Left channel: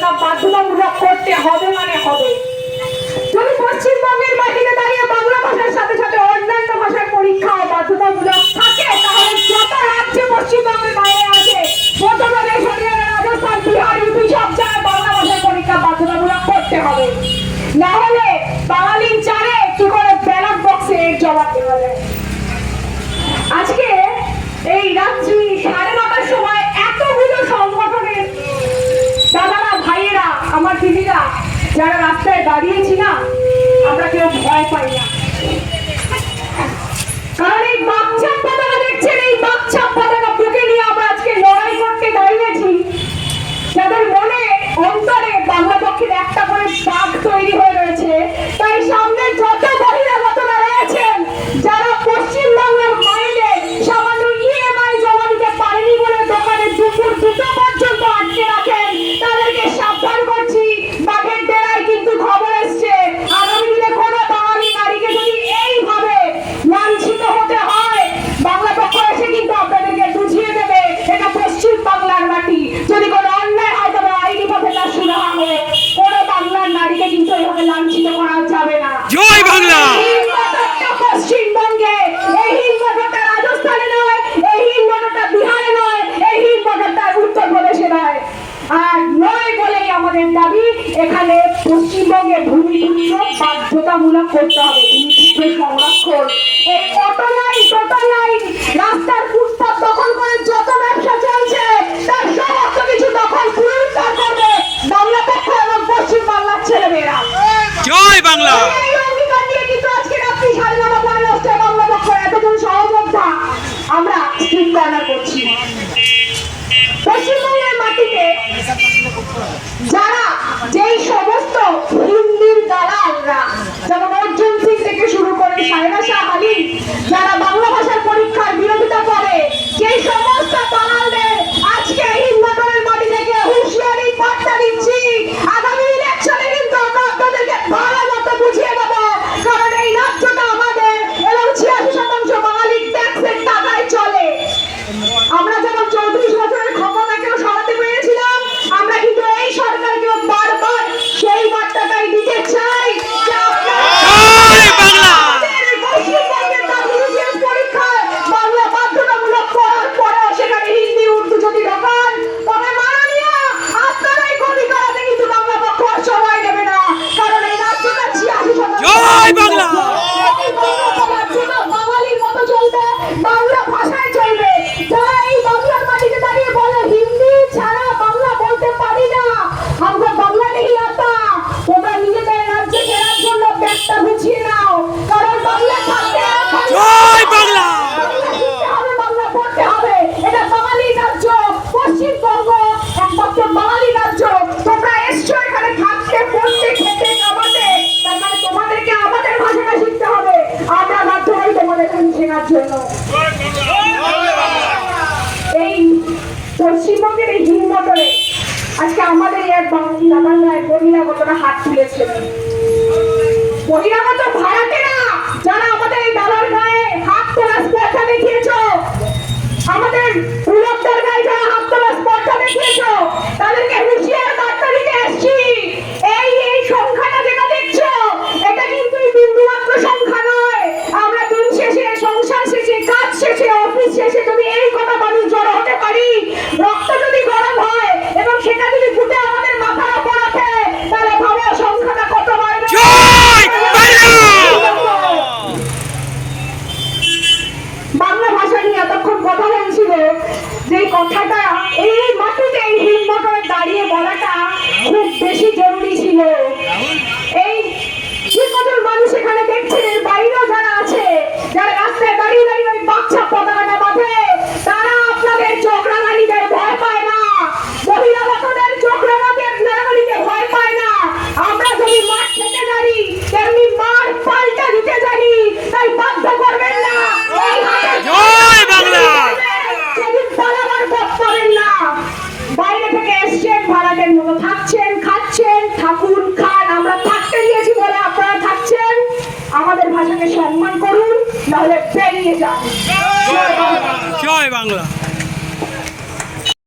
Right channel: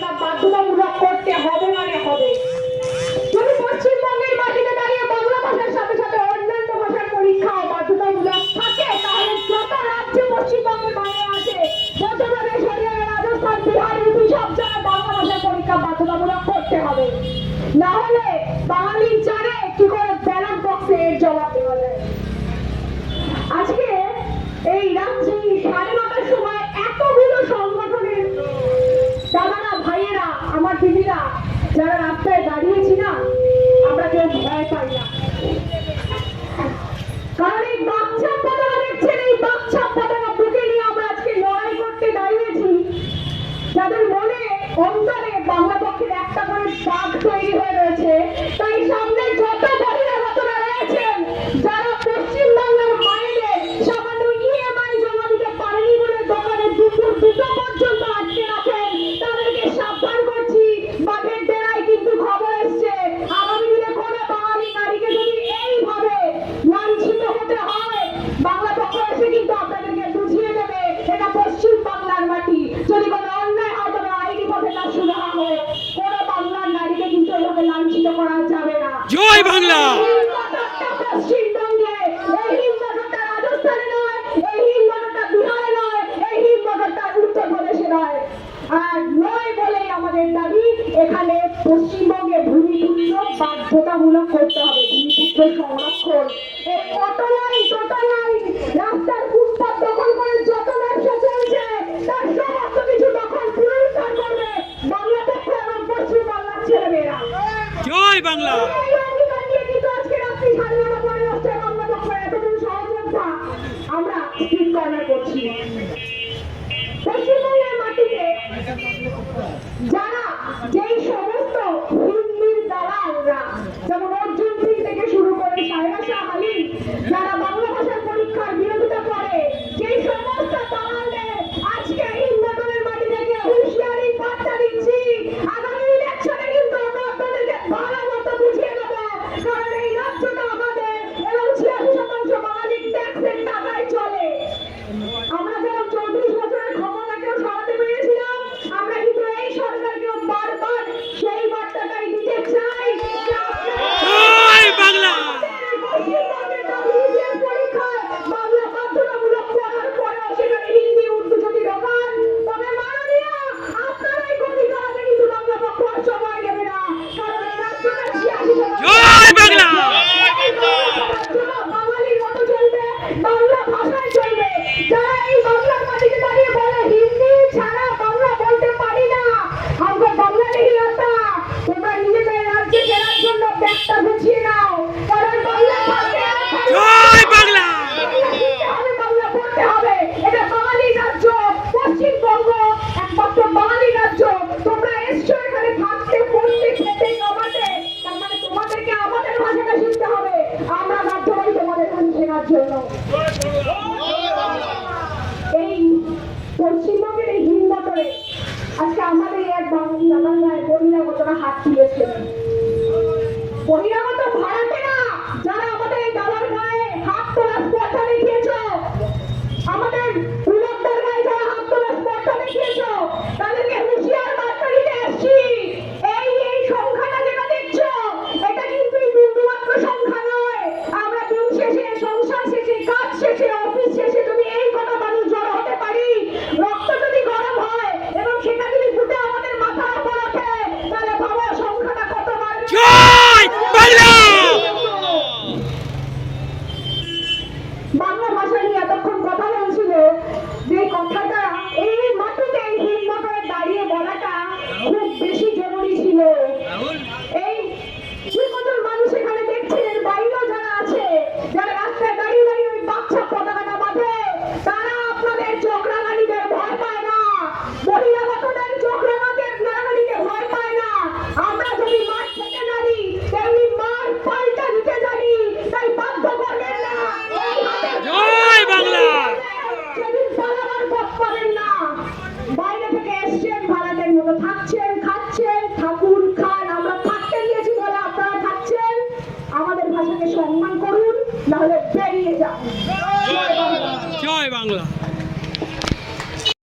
পরীক্ষা বাধ্যতামূলক করতে হবে মানে হবে। যদি পশ্চিমবঙ্গের মাটিতে দাঁড়িয়ে বাংলা ভাষার সাথে সাথে অন্যান্য ভাষার পরীক্ষা বাধ্যতামূলক থাকে, তাহলে যত রাজ্যে পশ্চিমবঙ্গের বাইরে আছে, মধ্যপ্রদেশ, হরিয়ানা, রাজস্থান, বিহার, ইউপি সব জায়গায় বাংলা ভাষার পরীক্ষা বাধ্যতামূলক করতে হবে। না হলে বাঙালি জানে কি করে ব্যালট বক্সে এর জবাব দেওয়া যায়। আজকে এই রাত্রি 9:30টার সময় এতগুলো সংগঠনের দাদারা, ভাইয়েরা, আমার দিদিরা যারা রাস্তায় দাঁড়িয়েছি না, আমরা কেউ ভয় পাই না। কারণ এই বাচ্চা পতাকা দেখছেন, এই বাচ্চা পতাকা বুকে নিয়ে আমরা আজকে লড়াই করতে দাঁড়িয়েছি। যাদের মনে অন্তরে বাংলা পক্ষের একটা করে বাঘ তৈরি হয়ে রয়েছে, তাই সামনে যত বহিরাগতরা রয়েছেন, যারা পশ্চিমবাংলার মাইনে সামান্য ইএমআই জমা দিতে পারেনি বলে দোকানে দুপুর 2টো পর্যন্ত আটকে রাখেন, তাদেরকে সাবধান করছি, বাঘের ডেরায় কিন্তু খবর এসছে। আগামী দিনে কোনো বাঙালি নারীকে যদি এইভাবে লাঞ্ছিত হতে হয়, বাংলা পক্ষ এসে কিন্তু আপনাদেরকে বুঝিয়ে দেবে এটা পশ্চিম বাংলার মাটি। যদি কোনো অন্যায় হয় তবে আইনি পথে তার সুরাহা হোক। কোনো বাংলার নারীকে কিন্তু এভাবে লাঞ্ছিত করা যাবে না। জয় বাংলা। পশ্চিমবঙ্গে এই হিন্দটা রাজস্থানে নয়, এই হিন্দটা বিহারে নয়, এই হিন্দটা উত্তরপ্রদেশে নয়। আর নয় বলেই আমাদের দাবি, এখানে পশ্চিমবঙ্গে ভূমিপুত্র বাধ্যতামূলক করতে হবে। ভূমিপুত্র সংরক্ষণ, এই অটো লাইন, টোটো লাইন, রাস্তার ফুটপাত দখল করে যত ব্যবসা চলছে, তার সমস্ত কিছু দখল পুনরুদ্ধার করবে বাংলা পক্ষ এবং পশ্চিম বাংলার ছেলেমেয়েরা। জয় বাংলা। আমরা স্ট্রিট করছি। পশ্চিমবঙ্গের মাটিতে যারা যেই সমস্ত হিন্দির দালালরা, যেমন অর্জুন সিং থেকে শুরু করে সায়রা শাহ আলী, যারা বাংলা ভাষার পরীক্ষার বিরোধিতা করে, যেই সমস্ত দালালদের আজকে হিন্দুদের মাটি থেকে হুঁশিয়ারি বার্তা দিচ্ছি, আগামী ইলেকশনে কিন্তু আমরা আপনাদেরকে ভালো মতো বুঝিয়ে দেবো। কারণ এই রাজ্যটা আমাদের এবং 86% বাঙালির ট্যাক্সের টাকায় চলে। আমরা যখন 34 বছরের ক্ষমতাকেও সরাতে পেরেছিলাম, আমরা কিন্তু এই সরকারকেও বারবার সেই বার্তাটাই দিতে চাই যে পশ্চিমবঙ্গের WBCS পরীক্ষায় বাংলা বাধ্যতামূলক করার পরেও সেখানে হিন্দি, উর্দু যদি ঢোকান, তবে মাননীয় আপনারাই গতি করাতে কিন্তু বাংলা পক্ষ সময় নেবে না। কারণ এই রাজ্যটা 86% জয় বাংলা। বাঙালির মতো চলবে, বাংলা ভাষায় চলবে। যারা এই বাংলার মাটিতে দাঁড়িয়ে বলে হিন্দি ছাড়া বাংলা বলতে পারি না, আমরা বাংলা নেই আতা, তোমরা নিজেদের রাজ্যে ফেরার জন্য ব্যাগটা গুছিয়ে নাও। কারণ বাংলা থাকতে জয় বাংলা। বাংলা পড়তে হবে। এটা বাঙালির রাজ্য, পশ্চিমবঙ্গ একমাত্র বাঙালি রাজ্য। তোমরা এসছো এখানে থাকতে, পড়তে, খেতে, কামাতে, তার মানে তোমাদেরকে আমাদের ভাষাটা শিখতে হবে। আমরা বাধ্য হই তোমাদের শেখার জন্য। এই পশ্চিমবঙ্গের এই হিমমটরে আজকে আমাদের এক বাঙালি দাদার গায়ে বহিরাগতরা হাত তুলেছে। বহিরাগত ভাড়াটেরা যারা আমাদের এই দাদার গায়ে হাত তোলার স্পর্ধা দেখিয়েছো, আমাদের পুরোদ্ধার গায়ে যারা হাত তোলার স্পর্ধা দেখিয়েছো, তাদেরকে হুঁশিয়ার বার্তা দিতে এসছি। এই সংখ্যাটা যেটা দেখছো, এটা কিন্তু বিন্দুমাত্র সংখ্যা নয়। আমরা দিন শেষে, সংসার শেষে, কাজ শেষে, অফিস শেষে যদি এই কথা মানুষ জড়ো হতে পারি, রক্ত যদি গরম হয় এবং সেটা যদি ফুটে আমাদের মাথার উপর ওঠে, তাহলে ভাবো সংখ্যাটা কত বাড়বে। জয় বাংলা। বাংলা ভাষা নিয়ে এতক্ষণ কথা বলছিল, যে কথাটা এই মাটিতে এই হিমমটরে দাঁড়িয়ে বলাটা খুব বেশি জরুরি ছিল। এই যে কজন মানুষ এখানে দেখছেন, এর বাইরেও যারা আছে, যারা রাস্তায় দাঁড়িয়ে দাঁড়িয়ে ওই বাচ্চা পতাকাটা বাঁধে, তারা আপনাদের চোখ রাঙানিদের ভয় পায় না, বহিরাগতদের চোখ রাঙানিতে ভয় পায় না। আমরা যদি মাঠ থেকে জানি, তেমনি মার পাল্টা দিতে জানি, তাই বাধ্য করবেন না। জয় বাংলা। সেদিন পালাবার পথ পাবেন না। বাইরে থেকে এসছেন, ভাড়াটের মতো থাকছেন, খাচ্ছেন, থাকুন, খান। আমরা থাকতে দিয়েছি বলে আপনারা থাকছেন। আমাদের ভাষাকে সম্মান করুন, নাহলে বেরিয়ে যান। জয় বাংলা।